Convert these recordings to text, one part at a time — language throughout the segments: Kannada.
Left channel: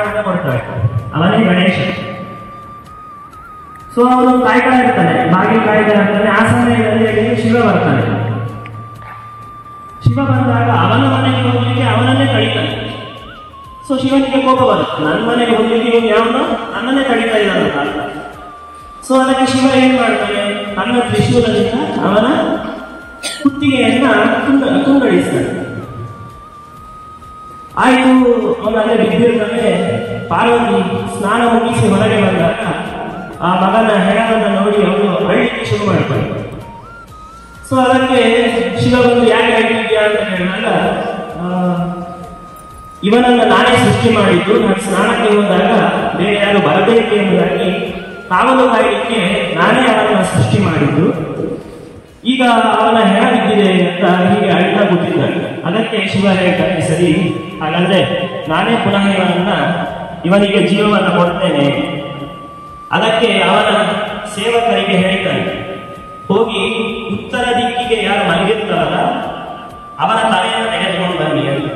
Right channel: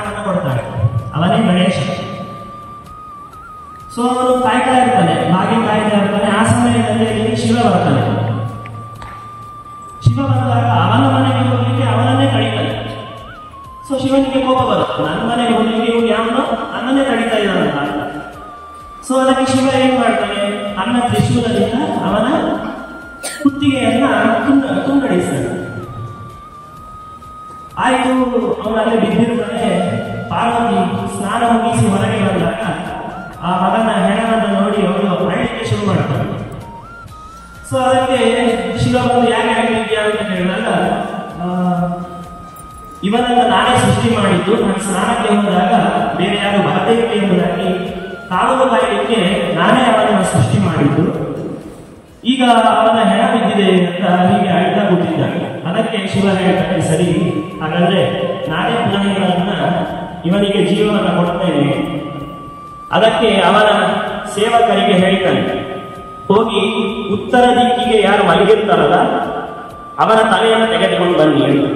ಪ್ರಾಣವನ್ನು ಕೊಡ್ತಾಳೆ, ಅವನೇ ಗಣೇಶ. ಸೊ ಅವನು ಕಾಯ್ತಾ ಇರ್ತಾನೆ, ಬಾಗಿಲು ಕಾಯ್ತಾ ಇರ್ತಾನೆ. ಆ ಸಮಯದಲ್ಲಿ ಶಿವ ಬರ್ತಾನೆ. ಶಿವ ಬಂದಾಗ ಅವನ ಮನೆಗೆ ಹೋಗ್ಲಿಕ್ಕೆ ಅವನನ್ನೇ ಕಳೀತಾನೆ. ಸೊ ಶಿವನಿಗೆ ಕೋಪ ಬರುತ್ತೆ, ನನ್ನ ಮನೆಗೆ ಹೋಗ್ಲಿಕ್ಕೆ ಇವಾಗ ಯಾವನೋ ನನ್ನನ್ನೇ ಕಳೀತಾ ಇದ್ದಾನಂತ. ಸೊ ಅದಕ್ಕೆ ಶಿವ ಏನ್ ಮಾಡ್ತಾನೆ, ತನ್ನ ತ್ರಿಶೂಲದಿಂದ ಅವನ ಕುತ್ತಿಗೆಯನ್ನ ತುಂಡರಿಸ್ತಾನೆ. ಆಯ್ತು, ಅವನಲ್ಲೇ ಬಿದ್ದಿರ್ತಾನೆ. ಪಾರ್ವತಿ ಸ್ನಾನ ಮುಗಿಸಿ ಹೊರಗೆ ಬಂದಾಗ ಆ ಮಗನ ಹೆಣವನ್ನು ನೋಡಿ ಅವನು ಅಳ್ಳಿಕ್ಕೆ ಶುರು ಮಾಡ್ತಾನೆ. ಸೊ ಅದಕ್ಕೆ ಶಿವ ಬಂದು ಯಾಕೆ ಹೇಳ್ತಿದ್ಯಾ ಅಂತ ಹೇಳಿದಾಗ, ಇವನನ್ನು ನಾನೇ ಸೃಷ್ಟಿ ಮಾಡಿದ್ದು, ನಾನು ಸ್ನಾನಕ್ಕೆ ಹೋದಾಗ ಬೇರೆ ಯಾರು ಬರಬೇಕು ಎಂಬುದಾಗಿ ಕಾವಲು ಕಾಯಲಿಕ್ಕೆ ನಾನೇ ಅವನನ್ನು ಸೃಷ್ಟಿ ಮಾಡಿದ್ದು. ಈಗ ಅವನ ಹೆಣ ಬಿದ್ದಿದೆ ಅಂತ ಹೀಗೆ ಅಳ್ತಾ ಕೂತಿದ್ದಾನೆ. ಅದಕ್ಕೆ ಶಿವ ಹೇಳ್ತಾನೆ, ಸರಿ ಹಾಗಾದ್ರೆ ನಾನೇ ಪುನಃ ಇವನಿಗೆ ಜೀವವನ್ನು ಕೊಡ್ತೇನೆ. ಅದಕ್ಕೆ ಅವನ ಸೇವಕರಿಗೆ ಹೇಳ್ತಾನೆ, ಹೋಗಿ ಉತ್ತರ ದಿಕ್ಕಿಗೆ ಯಾರು ಮಲಗಿರ್ತಾರಲ್ಲ ಅವನ ತಲೆಯನ್ನು ತೆಗೆದುಕೊಂಡು ಬನ್ನಿ ಅಂತ.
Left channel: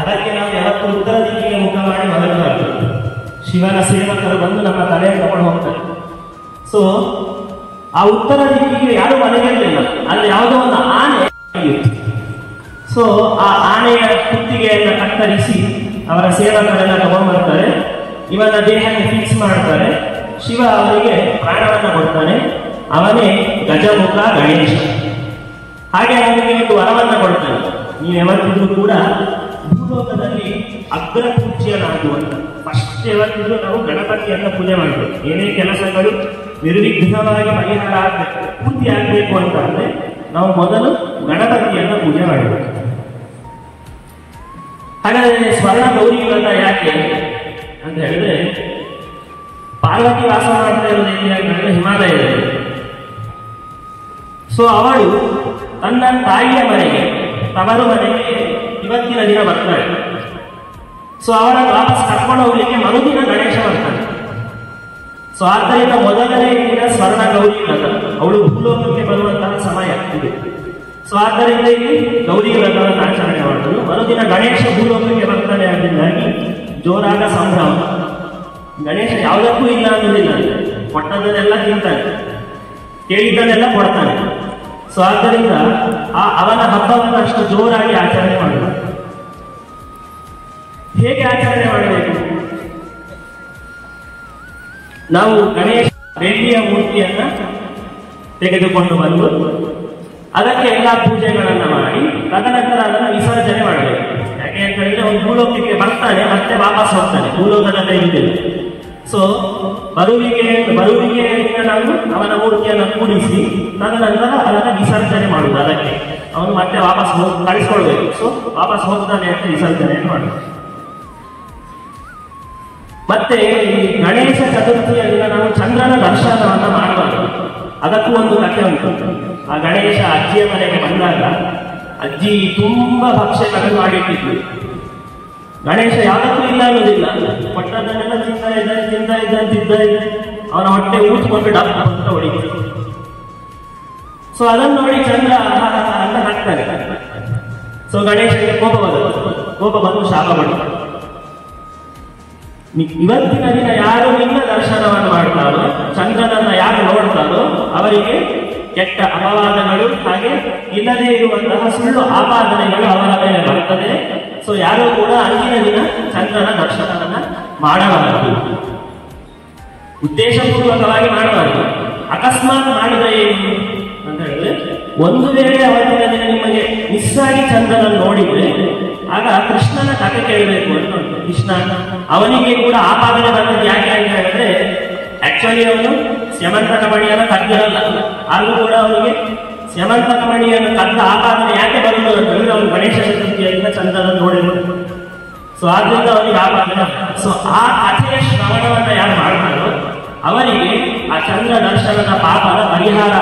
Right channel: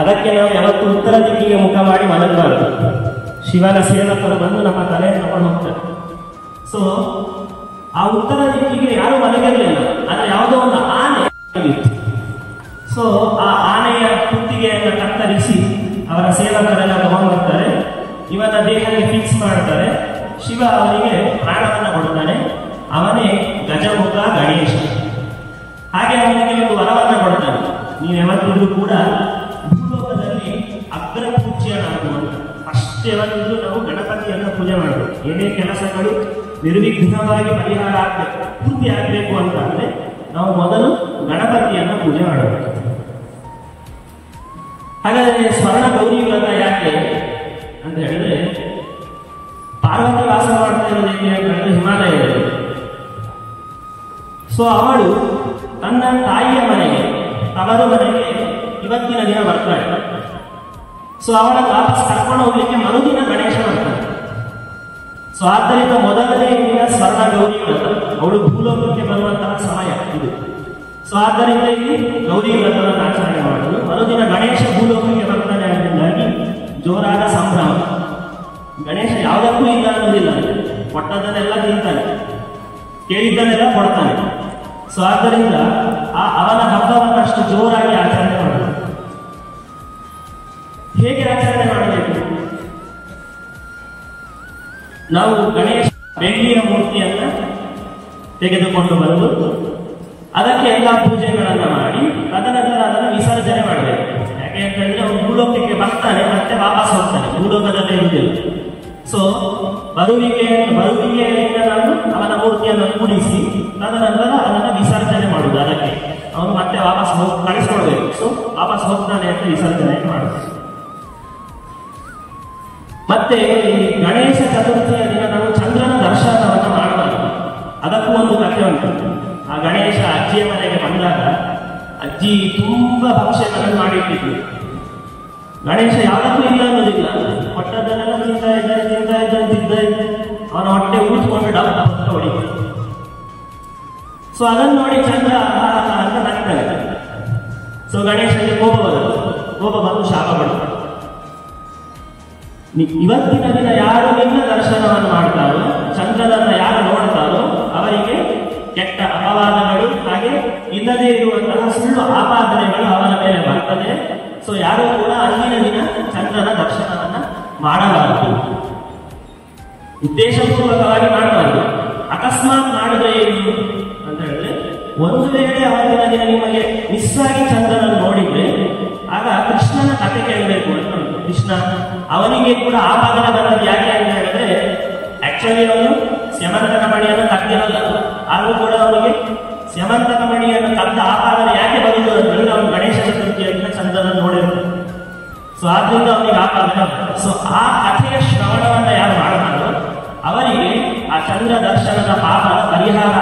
ಅದಕ್ಕೆ ನಾವು ಯಾವತ್ತು ಉತ್ತರ ದಿಕ್ಕಿಗೆ ಮುಖ ಮಾಡಿ ಮಲಗಬಾರದು. ಶಿವನ ಸೇವಕರು ಬಂದು ನಮ್ಮ ತಲೆಯನ್ನು ತಗೊಂಡು ಹೋಗ್ತಾರೆ. ಸೊ ಆ ಉತ್ತರ ದಿಕ್ಕಿಗೆ ಯಾರು ಮಲಗಿರಲಿಲ್ಲ, ಅಲ್ಲಿ ಯಾವುದೋ ಒಂದು ಆನೆ ಇತ್ತು. ಸೊ ಆ ಆನೆಯ ಕುತ್ತಿಗೆಯನ್ನು ಕತ್ತರಿಸಿ ಅವರ ಸೇವಕರೆಲ್ಲ ತಗೊಂಡು ಬರ್ತಾರೆ. ಇವನ ದೇಹಕ್ಕೆ ಫಿಕ್ಸ್ ಮಾಡ್ತಾರೆ. ಶಿವ ಅವರಿಗೆ ಪ್ರಾಣವನ್ನು ಕೊಡ್ತಾನೆ. ಅವನೇ ಗಜಮುಖ ಗಣೇಶ. ಹಾಗೆ ಅವನಿಗೆ ಒಂದು ವರವನ್ನು ಕೊಡ್ತಾನೆ, ನೀವು ಯಾವತ್ತಿದ್ರೂ ಕೂಡ ಭೂಲೋಕದಲ್ಲಿ ಅಗ್ರ ಪೂಜ್ಯನಾಗುವಂತ. ಫಸ್ಟ್ ಯಾವತ್ತಿದ್ರೂ ನಾವು ಗಣಪತಿಯನ್ನು ಪೂಜೆ ಮಾಡಬೇಕು. ಏನೇ ಕೆಲಸಗಳು ನಿರ್ವಿಘ್ನವಾಗಿ ಪರಿಹಾರ ಆಗಬೇಕು, ಪೂರ್ತಿ ಆಗಬೇಕು ಅಂತ ಅಂದ್ರೆ ನಾವು ಮೊದಲು ಗಣಪತಿಯನ್ನು ಪೂಜೆ ಮಾಡಬೇಕು. ಹಾಗಾದ್ರೆ ಸ್ವರ್ಣ ಗೌರಿ ವ್ರತ ಯಾಕೆ ಅಂತ ಹೇಳಿದ್ರೆ, ಪಾರ್ವತಿ ವಾಸ ಮಾಡ್ತಾ ಇರೋದು ಹೇಗೆ ಅಂತಂದ್ರೆ ಹಿಮಾಲಯದಲ್ಲಿ. ಸೊ ಅವಳು ತನ್ನ ತಾಯಿಯ ಮನೆಗೆ, ತವರು ಮನೆಗೆ ಇವತ್ತಿನ ದಿನ ಬರ್ತಾಳೆ. ಸೊ ಅವರ ವಾಪಸ್ ಕರ್ಕೊಂಡು ಹೋಗ್ಲಿಕ್ಕೆ ಮರುದಿನ ಗಣೇಶ ಬರ್ತಾನೆ. ಸೊ ಆದ್ದರಿಂದ ಮೊದಲನೇ ದಿನ ಸ್ವರ್ಣ ಗೌರಿ ವ್ರತ, ಅವಳು ಭೂಲೋಕಕ್ಕೆ ಬರುವಂತಹ ಸಮಯ ಇದು. ಸೊ ಆದ್ದರಿಂದ ಇಲ್ಲಿ ಗೌರಿ ವ್ರತವನ್ನು ಆಚರಣೆ ಮಾಡುವುದು. ಮರುದಿನ ಗಣೇಶ ಭೂಲೋಕಕ್ಕೆ ಬರ್ತಾನೆ. ಅದರಿಂದಾಗಿ ಜೋರಾದ ಸಂಭ್ರಮ. ಗಣೇಶ ಯಾವುದಕ್ಕೂ ಇಲ್ಲ ಅನ್ನೋದಿಲ್ಲ, ಕೊಟ್ಟದನ್ನೆಲ್ಲ ತಿಂತಾನೆ, ಕೇಳಿದ್ದನ್ನೆಲ್ಲ ಕೊಡ್ತಾನೆ. ಸೊ ಆದ್ದರಿಂದ ಅವನ ಹಬ್ಬವನ್ನು ಅಷ್ಟು ಜೋರಾಗಿ ಆಚರಣೆ ಮಾಡಬೇಕು. ಹೇಗೆ ಆಚರಣೆ ಮಾಡಬೇಕು? ನಾವು ಗಣೇಶ ಬೆಳ್ಳಿಯ ಮೂರ್ತಿಯನ್ನ ತೆಗೆದುಕೊಂಡು ಬಂದು ಅದಕ್ಕೆ ಎಲ್ಲ ಪೂಜೆಗಳನ್ನ ಮಾಡಿ ತದನಂತರ ಅದನ್ನು ವಿಸರ್ಜನೆ ಮಾಡಬೇಕು. ಯಾಕೆ ಅಂತ ಹೇಳಿದ್ರೆ ಅವನು ಭೂಲೋಕಕ್ಕೆ ಬರ್ತಾನೆ, ಮತ್ತೆ ವಾಪಸ್ ಹೋಗ್ತಾನೆ, ಭೂಲೋಕದಲ್ಲೇ ಇದ್ದೇವೆ. ಸೊ ಬರುವಿಗೆ ನಾವು ಅವನ ಮೂರ್ತಿಯನ್ನು ಕೂಡಿಸಿ ತದನಂತರ ಅದನ್ನು ವಿಸರ್ಜನೆ ಮಾಡುವುದು. ಅದಕ್ಕೆ ಅವನು ಮತ್ತೆ ವಾಪಸ್ ಕಳಿಸ್ಕೊಳ್ಬೇಕು. ಸೊ ವಾಪಸ್ ಹೋಗ್ತಾನೆ ಅಂತ ವಿಸರ್ಜನೆ ಮಾಡುದು. ಮತ್ತೆ ಈ ಗಣೇಶ ಚತುರ್ಥಿಯ ದಿನ ನಾವು ಚಂದ್ರನ ದರ್ಶನವನ್ನು ಮಾಡಬಾರದು. ಅದಕ್ಕೂ ಒಂದು ಕಥೆ ಉಂಟು. ಆ ಗಣೇಶ ಅಜ್ಜಿಯ ಮನೆಗೆ ಬಂದಾಗ ಅಜ್ಜಿ ತುಂಬಾ ಭಕ್ಷ್ಯಗಳನ್ನು ಮಾಡಿಟ್ಟಿದ್ವಿ. ಗಣೇಶ ಯಾವುದಕ್ಕೂ ಇಲ್ಲ ಅನ್ನೋದಿಲ್ಲ, ಕೊಟ್ಟದನ್ನೆಲ್ಲ ತಿಂತಾ ಇದ್ದ ಅವನ ಹೊಟ್ಟೆ ಊದ್ಕೊಂಡು ಡಬ್ಬ ಅಂತ ಹೊಡಿತು. ಸೊ ಅದನ್ನು ನೋಡಿ ಚಂದ್ರ ಅಂತ ನಗ್ತಾನೆ. ಸೊ ಗಣೇಶನಿಗೆ ಕೋಪ ಬಂದು ಶಾಪ ಬಿಡ್ತಾನೆ. ಇವತ್ತಿನ ದಿನ ಯಾರು ನಿನ್ನ ದರ್ಶನವನ್ನು ಮಾಡ್ತಾರೋ, ಚಂದ್ರನನ್ನ ಯಾರು ನೋಡ್ತಾರೋ ಅವರಿಗೆ ಕೆಟ್ಟ ಅಪವಾದಗಳು ಹಾಗೆ ಇಲ್ಲದೇ ಇರುವಂತಹ ಸುಳ್ಳು ಆಪಾದನೆಗಳು ಅವರ ಮೇಲೆ ಬರ್ತದೆ. ಸೊ ಯಾರು ಕೂಡ ಅಂದಿನ ದಿನ ಚಂದ್ರನ ದರ್ಶನವನ್ನ ಮಾಡಬಾರದು, ಉದ್ದೇಶಪೂರ್ವಕವಾಗಿ ಮಾಡಬಾರದು. ಅಕಸ್ಮಾತ್ ಮಾಡಿದ್ರೆ ಏನು ಅಂತ ಹೇಳಿದ್ರೆ, ಒಂದು ವೇಳೆ ಅವತ್ತಿನ ದಿನ ನಿಮಗೆ ಮಿಸ್ ಆಗಿ ಚಂದ್ರನ ನೋಡಿದ್ರೆ ಆಗ ಕೃಷ್ಣನ ಕಥೆ ಕೇಳಬೇಕು ಅಂತ ಉಂಟು. ಕೃಷ್ಣ ಅವನಿಗೆ ಕೂಡ ಆಪಾದನೆ ಬಂದದ್ದು ಯಾಕೆ ಅಂತ ಹೇಳಿದ್ರೆ, ಆಕ್ಚುಲಿ ಅವನು ಸ್ಯಮಂತಕ ಮಣಿಯನ್ನು ಕದ್ದಿರಲ್ಲ, ಆದ್ರೂ ಕೂಡ ಅವನಿಗೆ ಸ್ಯಮಂತಕ ಮಣಿಯನ್ನು ಕದ್ದ ಆಪಾದನೆ ಯಾಕೆ ಬರುವುದು ಅಂತ ಹೇಳಿದ್ರೆ ಅವನು ಗಣೇಶ ಚತುರ್ಥಿಯಿಂದ ಚಂದ್ರನ ನೋಡಿರ್ತಾನೆ. ಸೊ ಆದ್ರಿಂದ ಅವನಿಗೆ ಆಪಾದನೆ. ಸೊ ಆ ಕಥೆಯ ಶ್ರವಣವನ್ನ ಯಾರು ಮಾಡ್ತಾರೋ ಅವರಿಗೆ ಆ ಚಂದ್ರ ದರ್ಶನದ ಪಾಪದ ಪರಿಹಾರ